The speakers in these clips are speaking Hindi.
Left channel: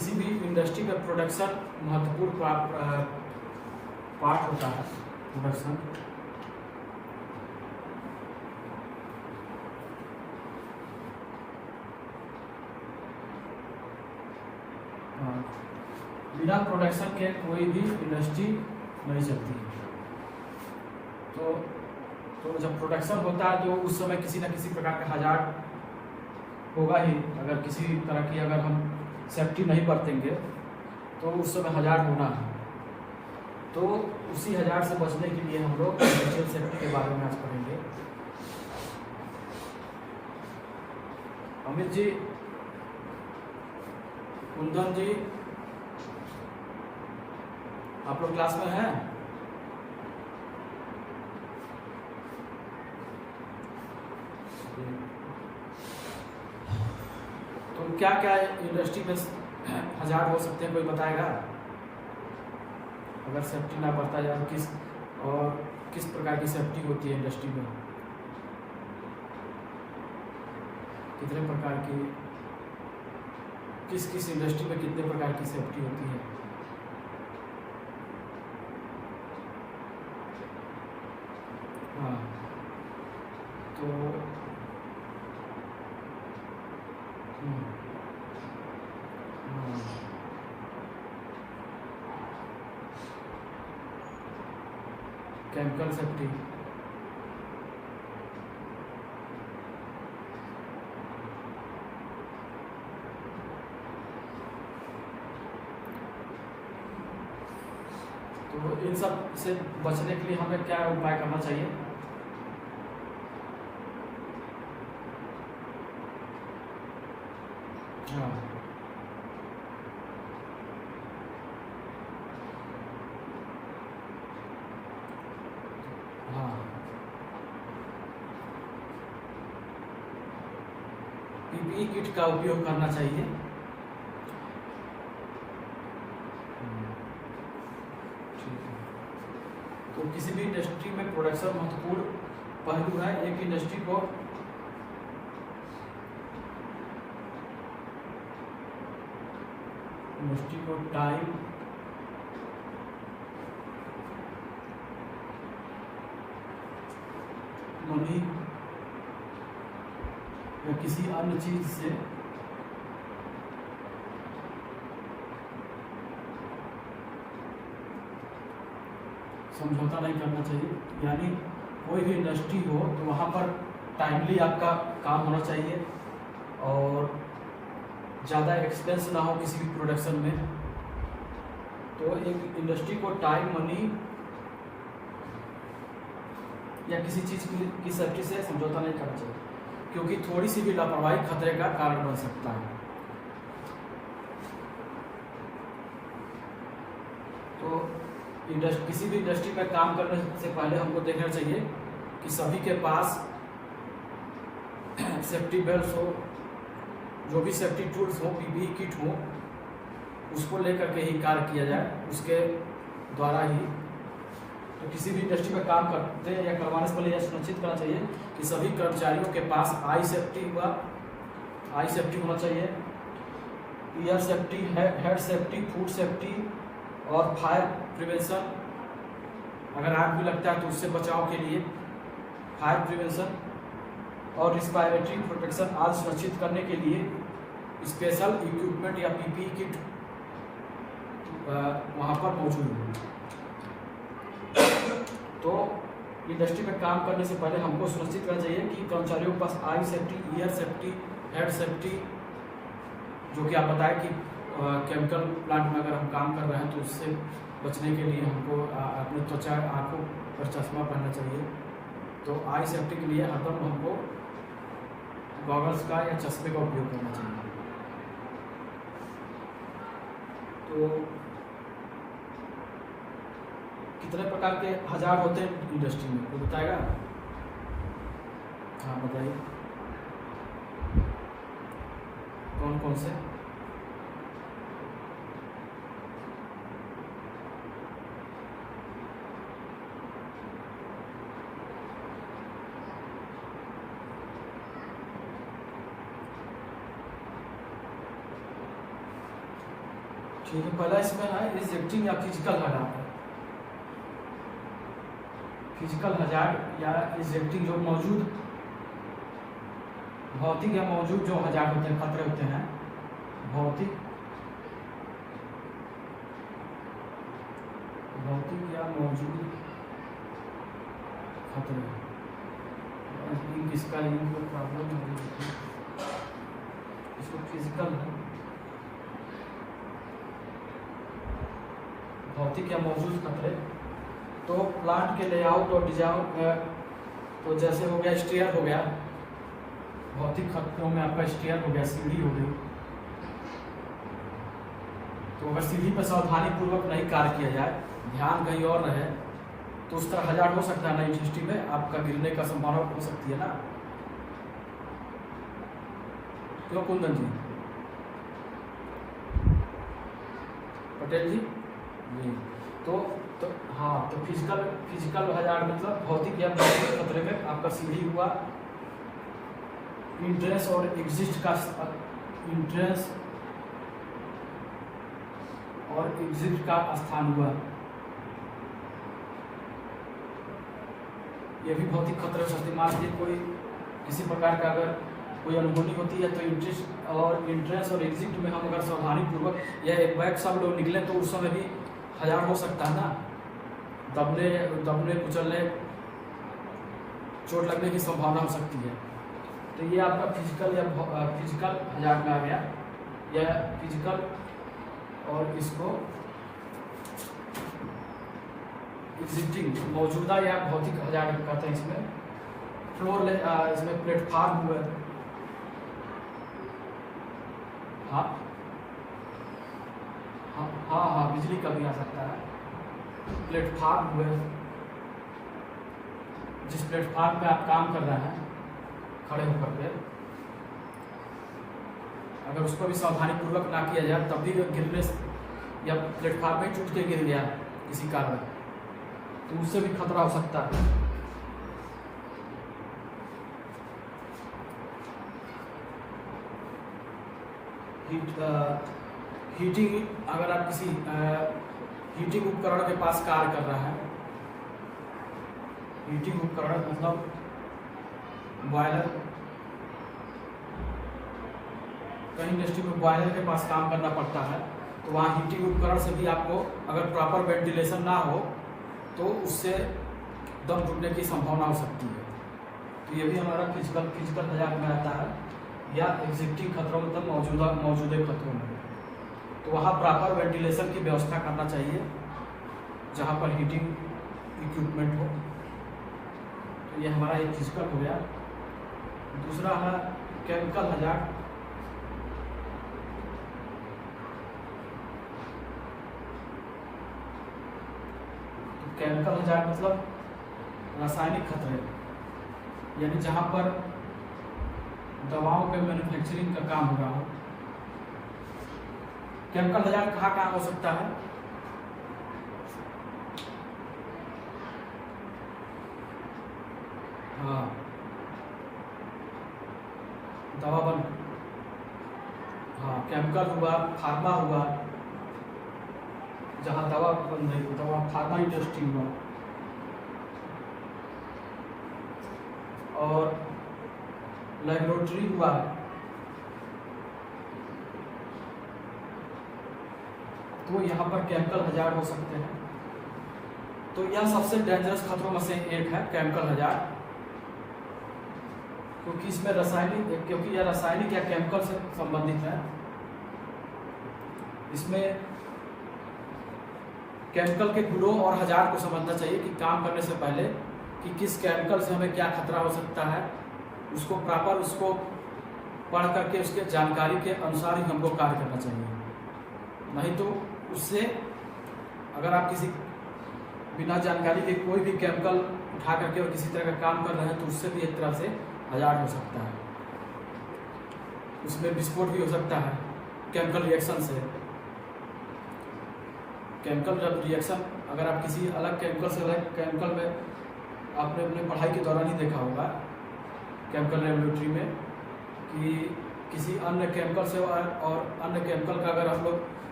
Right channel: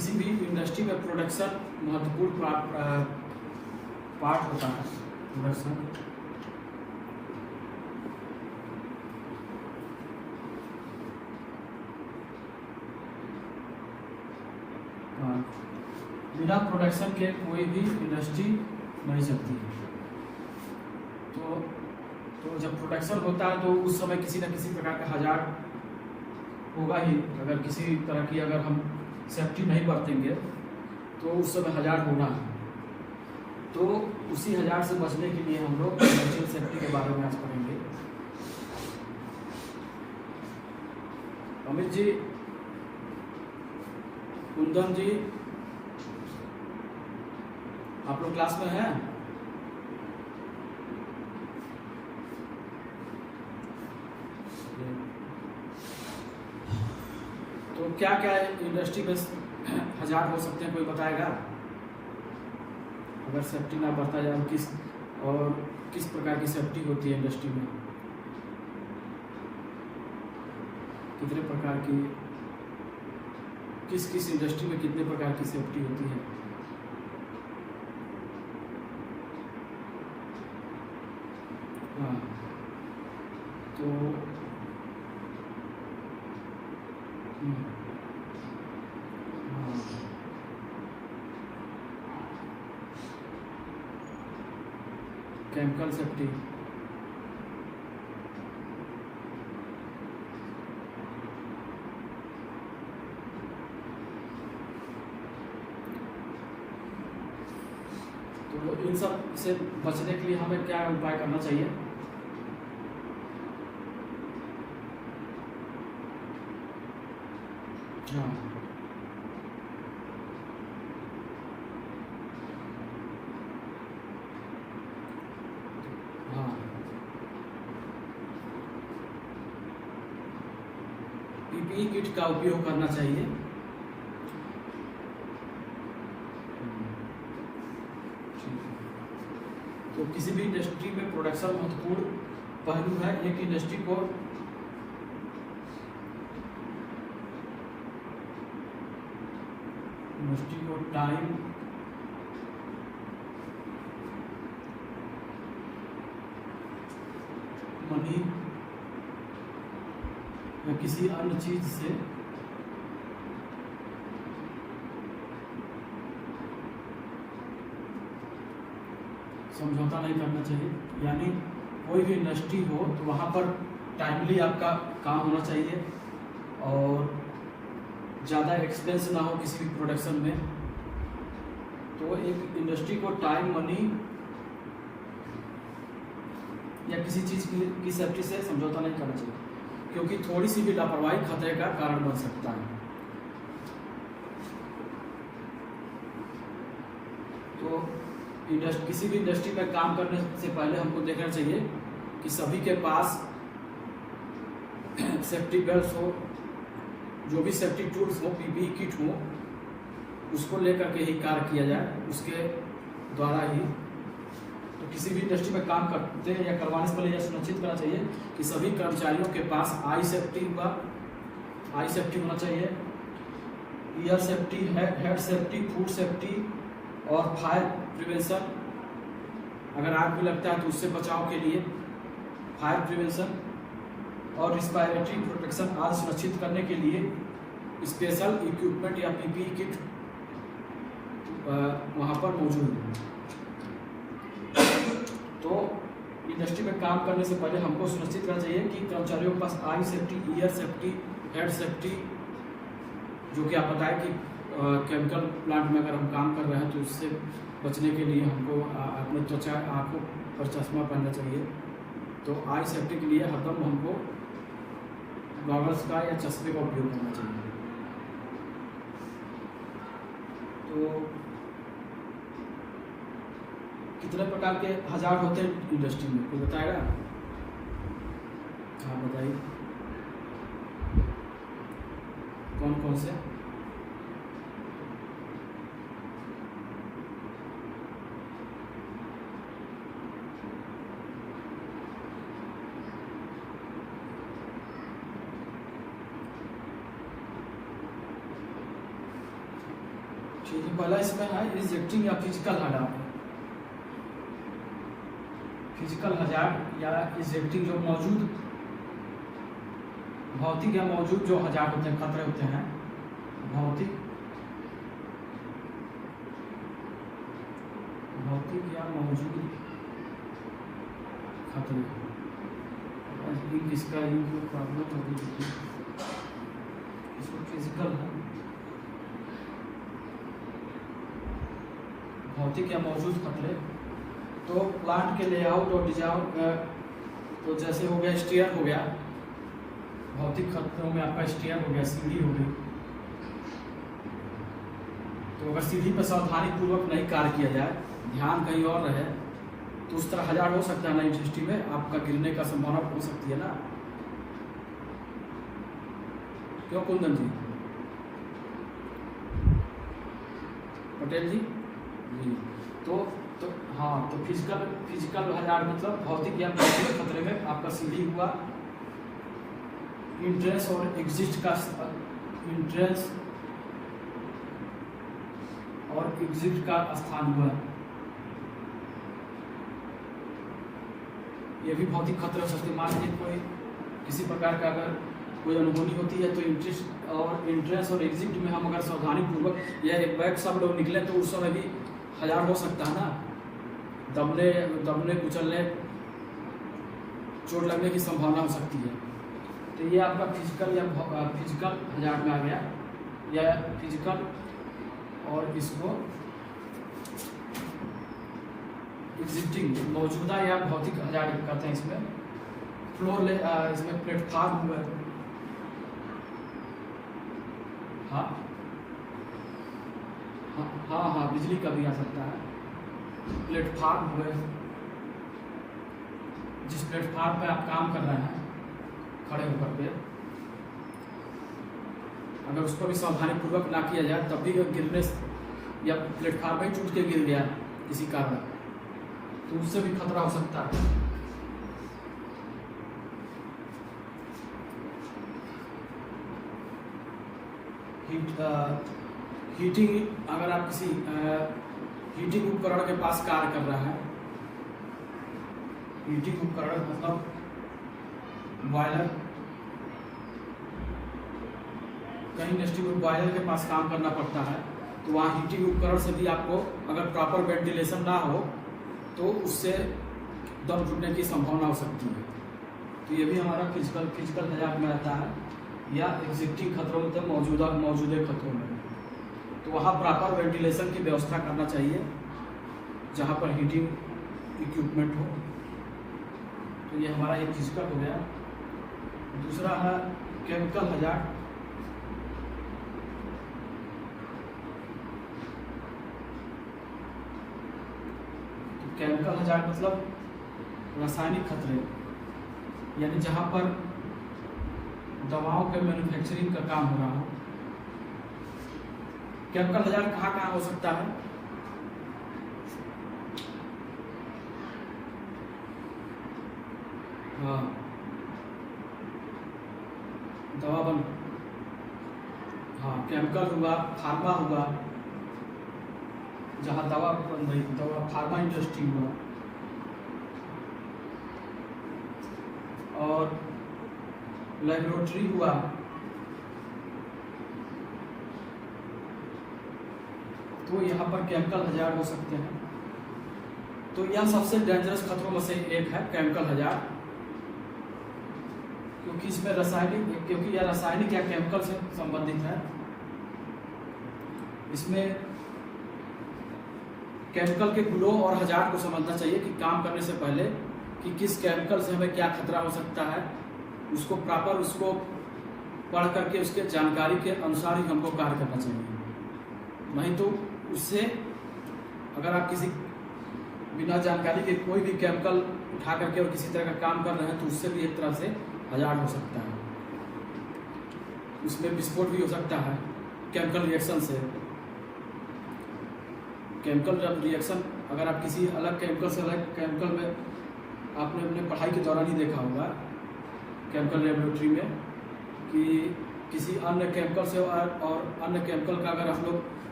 किसी भी इंडस्ट्री में प्रोडक्शन महत्वपूर्ण पार्ट होता है। प्रोडक्शन बिना प्रोडक्शन के कोई भी इंडस्ट्री नहीं चलती। तो जब प्रोडक्शन होता है तो उस समय किसी न किसी प्रकार का हजार्ड होगा ही। अगर किसी भी तरह की अगर हम सेफ्टी नहीं बरतेंगे तो उस समय हजार्ड होना है। तो उसी हजार्ड से बचने के लिए हम लोग नेचुरल सेफ्टी के बारे में आज पढ़ेंगे। अमित जी, कुंदन जी, आप लोग क्लास में हैं? तो क्या क्या इंडस्ट्री में हजार्ड हो सकते हैं, कोई बताएगा? अगर सेफ्टी ना बरता जाए किस प्रकार की सेफ्टी होती है इंडस्ट्री में? कितने प्रकार की, किस इंडस्ट्री में कितने प्रकार की सेफ्टी होती है? हाँ, तो केमिकल सेफ्टी, तो इन सब से बचने के लिए हमें क्या उपाय करना चाहिए? हाँ, हाँ, पीपीई किट का उपयोग करना चाहिए। ठीक है। तो किसी भी इंडस्ट्री में प्रोडक्शन महत्वपूर्ण पहलू है। एक इंडस्ट्री को टाइम, मनी या किसी अन्य चीज से समझौता नहीं करना चाहिए। यानी कोई भी इंडस्ट्री हो तो वहाँ पर टाइमली आपका काम होना चाहिए और ज़्यादा एक्सपेंस ना हो किसी प्रोडक्शन में। तो एक इंडस्ट्री को टाइम, मनी या किसी चीज़ की सेफ्टी से समझौता नहीं करना चाहिए, क्योंकि थोड़ी सी भी लापरवाही खतरे का कारण बन सकता है। तो किसी भी इंडस्ट्री में काम करने से पहले हमको देखना चाहिए कि सभी के पास सेफ्टी बेल्ट हो, जो भी सेफ्टी टूल्स हो, पीपीई किट हो, उसको लेकर के ही कार्य किया जाए, उसके द्वारा ही। तो किसी भी इंडस्ट्री में काम करते हैं या करवाने से पहले यह सुनिश्चित करना चाहिए कि सभी कर्मचारियों के पास आई सेफ्टी होना चाहिए, year safety, head safety, food safety और फायर प्रिवेंशन। अगर आग भी लगता है तो उससे बचाव के लिए फायर प्रिवेंशन और रिस्पायरेटरी प्रोटेक्शन आदि सुरक्षित करने के लिए स्पेशल इक्विपमेंट या पीपीई किट वहाँ पर मौजूद है। तो इंडस्ट्री में काम करने से पहले हमको सुनिश्चित करना चाहिए कि कर्मचारियों के पास आई safety, year safety, head safety, जो कि आप बताएं कि केमिकल प्लांट में अगर हम काम कर रहे हैं तो उससे बचने के लिए हमको अपने त्वचा, आँखों पर चश्मा पहनना चाहिए। तो आई सेफ्टी के लिए हरदम हमको गॉगल्स का या चश्मे का उपयोग करना चाहिए। तो कितने प्रकार के हजार्ड होते हैं इंडस्ट्री में, कोई बताएगा? हाँ बताइए, कौन कौन से? ठीक है, पहला इसमें है रिजेक्टिंग या फिजिकल हजार्ड। फिजिकल हजार्ड या रिजेक्टिंग जो मौजूद भौतिक या मौजूद जो हजार्ड होते हैं, खतरे होते हैं, भौतिक या मौजूद खतरे। इसका प्रॉब्लम होगी, इसको फिजिकल भौतिक या मौजूद खतरे। तो प्लांट के लेआउट और डिजाइन, तो जैसे हो गया स्टेयर हो गया, भौतिक खतरों में आपका स्टेयर हो गया, सीढ़ी हो गई। तो अगर सीढ़ी पर सावधानी पूर्वक नहीं कार्य किया जाए, ध्यान कहीं और रहे, तो उस तरह हजार्ड हो सकता है ना, यूनिवर्सिटी में आपका गिरने का संभावना हो सकती है ना। क्यों कुंदन जी, पटेल जी? तो हाँ, तो फिजिकल हजार्ड मतलब भौतिक या मौजूद खतरे में आपका सीढ़ी हुआ, इंट्रेंस और एग्जिट का स्थान हुआ। यह भी भौतिक खतरे हो सकते हैं। मान लीजिए कोई किसी प्रकार का अगर कोई अनहोनी होती है, तो इंट्रेंस और एग्जिट में हम अगर सावधानी पूर्वक या एक बैग सब लोग निकले, तो उस समय भी हजार्ड हो सकता है ना, दबने कुचलने, चोट लगने की संभावना हो सकती है। तो ये आपका फिजिकल हजार्ड में आ गया, या फिजिकल, और इसको एग्जिस्टिंग मौजूदा या भौतिक हजार्ड कहते हैं। इसमें फ्लोर इसमें प्लेटफार्म हुआ, हाँ, बिजली का भी आ सकता है। प्लेटफार्म हुए, जिस प्लेटफार्म पे आप काम कर रहे हैं खड़े होकर के, अगर उसको भी सावधानी पूर्वक ना किया जाए, तब भी गिरने या प्लेटफार्म पे टूट के गिर गया किसी कारण, तो उससे भी खतरा हो सकता है। हीटिंग, अगर आप किसी हीटिंग उपकरण के पास कार्य कर रहे हैं, हीटिंग उपकरण मतलब बॉयलर, कहीं इंडस्ट्री में बॉयलर के पास काम करना पड़ता है, तो वहाँ हीटिंग उपकरण से भी आपको अगर प्रॉपर वेंटिलेशन ना हो, तो उससे दम घुटने की संभावना हो सकती है। तो ये भी हमारा फिजिकल हजार्ड में आता है, या एग्जिस्टिंग खतरों मतलब मौजूदा खतरों में। तो वहाँ प्रॉपर वेंटिलेशन की व्यवस्था करना चाहिए जहाँ पर हीटिंग इक्विपमेंट हो। तो ये हमारा एक फिजिकल हो गया। दूसरा है केमिकल हजार्ड। तो केमिकल हजार्ड मतलब रासायनिक खतरे, यानी जहाँ पर दवाओं के मैन्युफैक्चरिंग का काम हो रहा है। केमिकल हजार्ड कहाँ हो सकता है? हाँ, दवा बन, हाँ, केमिकल हुआ, फार्मा हुआ, जहाँ दवा बन रही, दवा फार्मा इंडस्ट्री हुआ, और लेबोरेटरी हुआ, तो यहाँ पर केमिकल हजार्ड हो सकते हैं। तो यह सबसे डेंजरस खतरों में से एक है केमिकल हजार्ड, क्योंकि इसमें क्योंकि यह रासायनिक या केमिकल से संबंधित है। इसमें केमिकल के गुणों और हजार्ड को समझना चाहिए कि काम करने से पहले कि किस केमिकल से हमें क्या खतरा हो सकता है, उसको प्रॉपर उसको पढ़ करके उसके जानकारी के अनुसार ही हमको कार्य करना चाहिए। नहीं तो उससे अगर आप किसी बिना जानकारी के कोई भी केमिकल उठा करके और किसी तरह का काम कर रहे हैं, तो उससे भी एक तरह से हजार्ड हो सकता है। उसमें विस्फोट भी हो सकता है केमिकल रिएक्शन से। केमिकल जब रिएक्शन, अगर आप किसी अलग केमिकल में आपने अपनी पढ़ाई के दौरान ही देखा होगा केमिकल लेबोरेटरी में, कि किसी अन्य केमिकल से और अन्य केमिकल का अगर हम लोग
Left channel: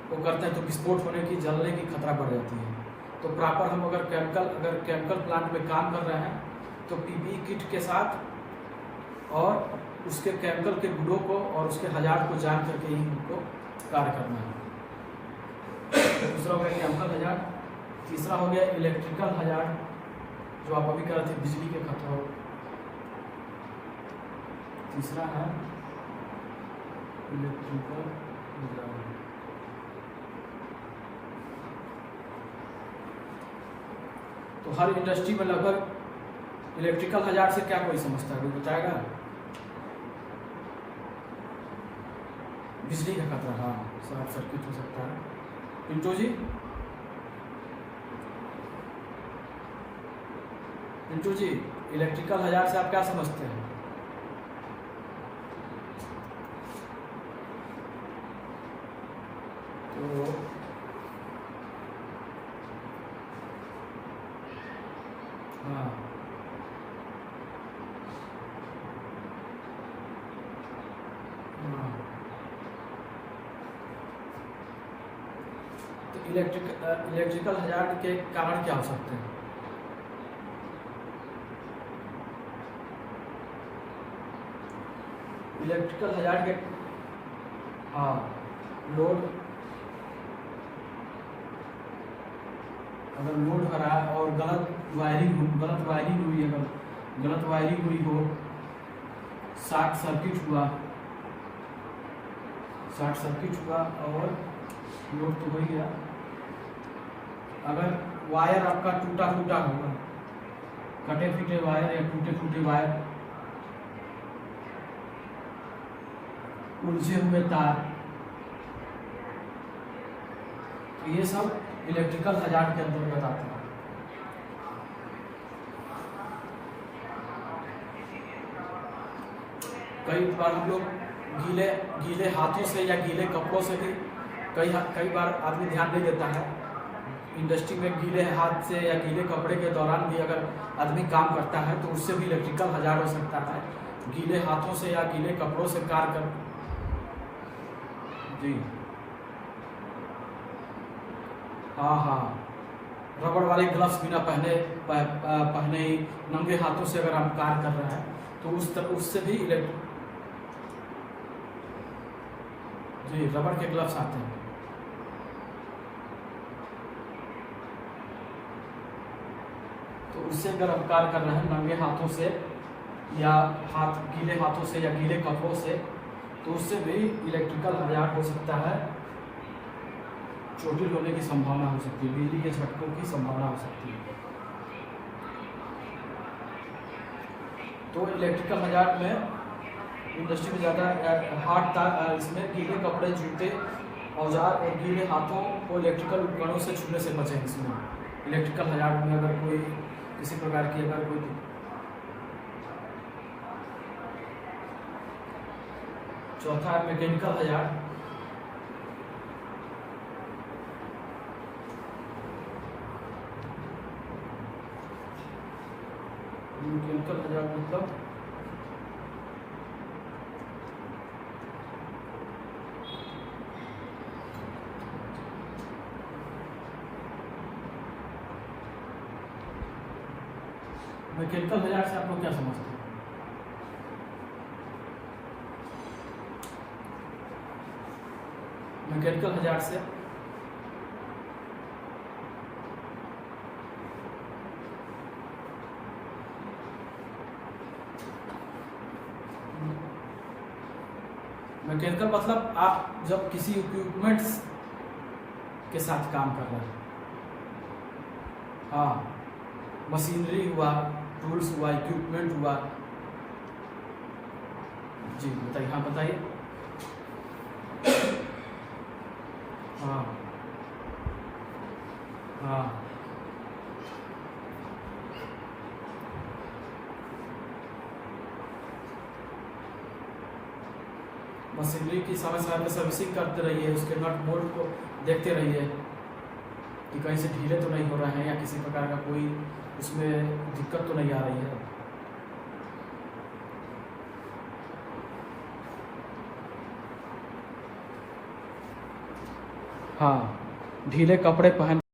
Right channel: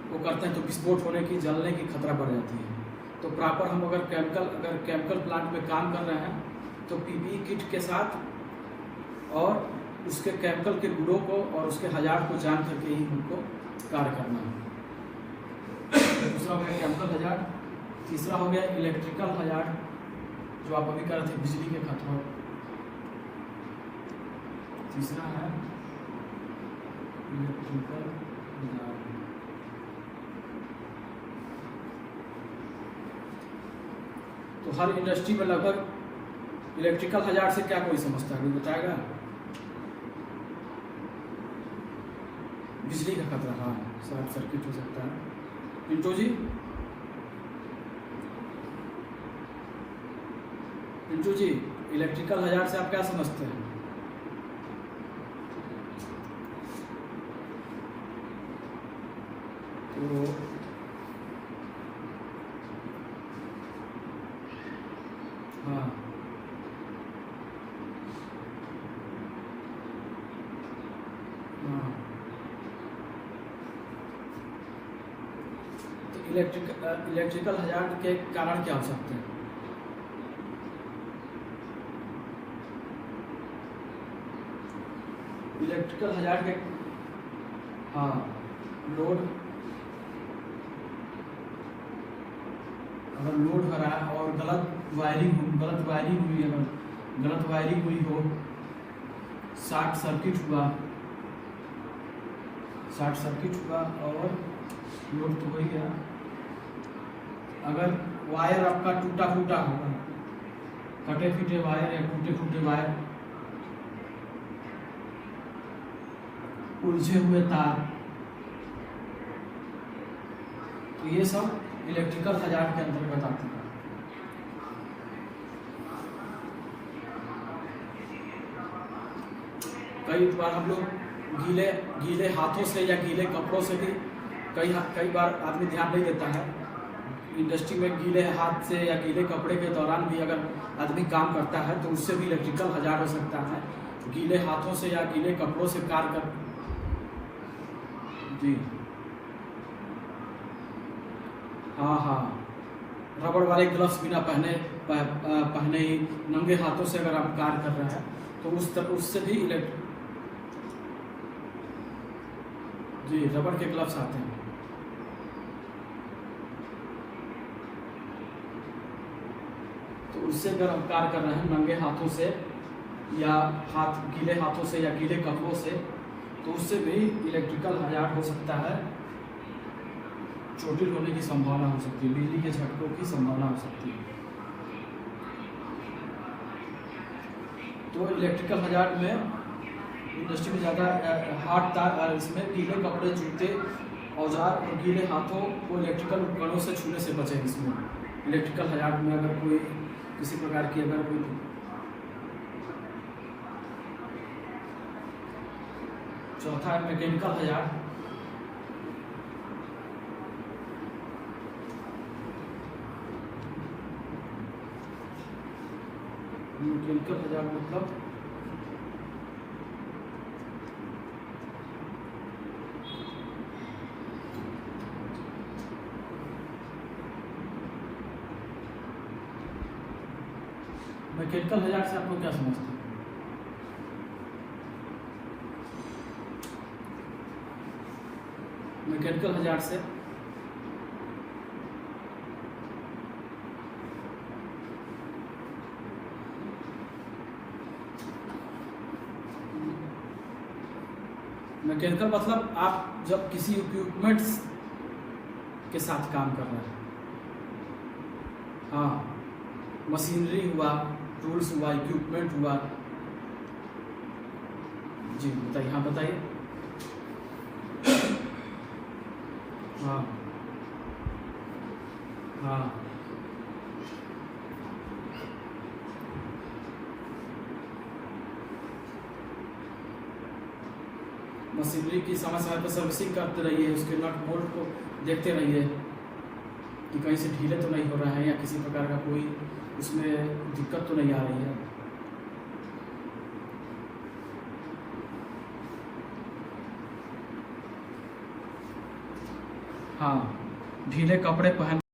वो करते हैं तो विस्फोट होने की, जलने की खतरा बढ़ जाती है। तो प्रॉपर हम अगर केमिकल प्लांट में काम कर रहे हैं तो पीपीई किट के साथ और उसके केमिकल के गुणों को और उसके हजार्ड को जान करके ही हमको कार्य करना है। दूसरा हो गया केमिकल हजार्ड। तीसरा हो गया इलेक्ट्रिकल हजार्ड, जो आप अभी कर रहे थे, बिजली के खतरों। तीसरा है इलेक्ट्रिकल हजार्ड। तो हर इंडस्ट्री में लगभग इलेक्ट्रिकल हजार्ड से क्या कोई समझता है, कोई बताएगा? बिजली का खतरा, हाँ, शॉर्ट सर्किट हो सकता है। पिंटू जी, पिंटू जी, इलेक्ट्रिकल हजार्ड से आप क्या समझते हैं? तो हाँ, हाँ, तो इलेक्ट्रिकल हजार्ड के कारण क्या हो सकते हैं? इलेक्ट्रिकल हजार्ड के, हाँ, लोड, अगर लोड हो रहा है और गलत वायरिंग हुई है, गलत वायरिंग हुई हो, शॉर्ट सर्किट हुआ और लोड तो हो ही गया। अगर वायर आपका टूटा फूटा होगा, कटे फीटे वायर या टूटे फूटे वायर, उलझे हुए तार, तो ये सब इलेक्ट्रिकल हजार्ड के अंतर्गत आते हैं। कई बार हम लोग गीले हाथों से या गीले कपड़ों से भी कई बार आदमी ध्यान नहीं देता है। इंडस्ट्री में गीले हाथ से या गीले कपड़े के दौरान भी अगर आदमी काम करता है तो उससे भी इलेक्ट्रिकल हजार्ड हो सकता है। गीले हाथों से या गीले कपड़ों से कार्य कर, जी हाँ, रबड़ वाले ग्लव्स बिना पहने ही नंगे हाथों से अगर हम कार्य कर रहे हैं तो उससे भी जी रबड़ के ग्लव्स आते हैं। तो उससे अगर हम कार्य कर रहे हैं नंगे हाथों से या गीले हाथों से या गीले कपड़ों से, तो उससे भी इलेक्ट्रिकल हजार्ड हो सकता है। चोटिल होने की संभावना हो सकती है, बिजली के झटकों की संभावना हो सकती है। तो इलेक्ट्रिकल हजार्ड में इंडस्ट्री में ज़्यादा हाथ तार, इसमें गीले कपड़े, जूते, औजार और गीले हाथों को इलेक्ट्रिकल उपकरणों से छूने से बचें। इसमें इलेक्ट्रिकल हजार्ड में अगर कोई किसी प्रकार की अगर कोई चौथा है मैकेनिकल हजार्ड। मैकेनिकल हजार्ड मतलब मैकेनिकल हजार्ड से आप लोग क्या समझते हैं? मैकेनिकल हजार्ड से मैकेनिकल मतलब आप जब किसी इक्विपमेंट्स के साथ काम कर रहे हैं, हाँ, मशीनरी हुआ, टूल्स हुआ, इक्विपमेंट हुआ। जी बताइए, हाँ बताइए। हाँ, हाँ, मशीनरी की समय समय पर सर्विसिंग करते रहिए, उसके नट बोल्ट को देखते रहिए कि कहीं से ढीले तो नहीं हो रहे हैं या किसी प्रकार का कोई उसमें दिक्कत तो नहीं आ रही है। हाँ, ढीले कपड़े पहन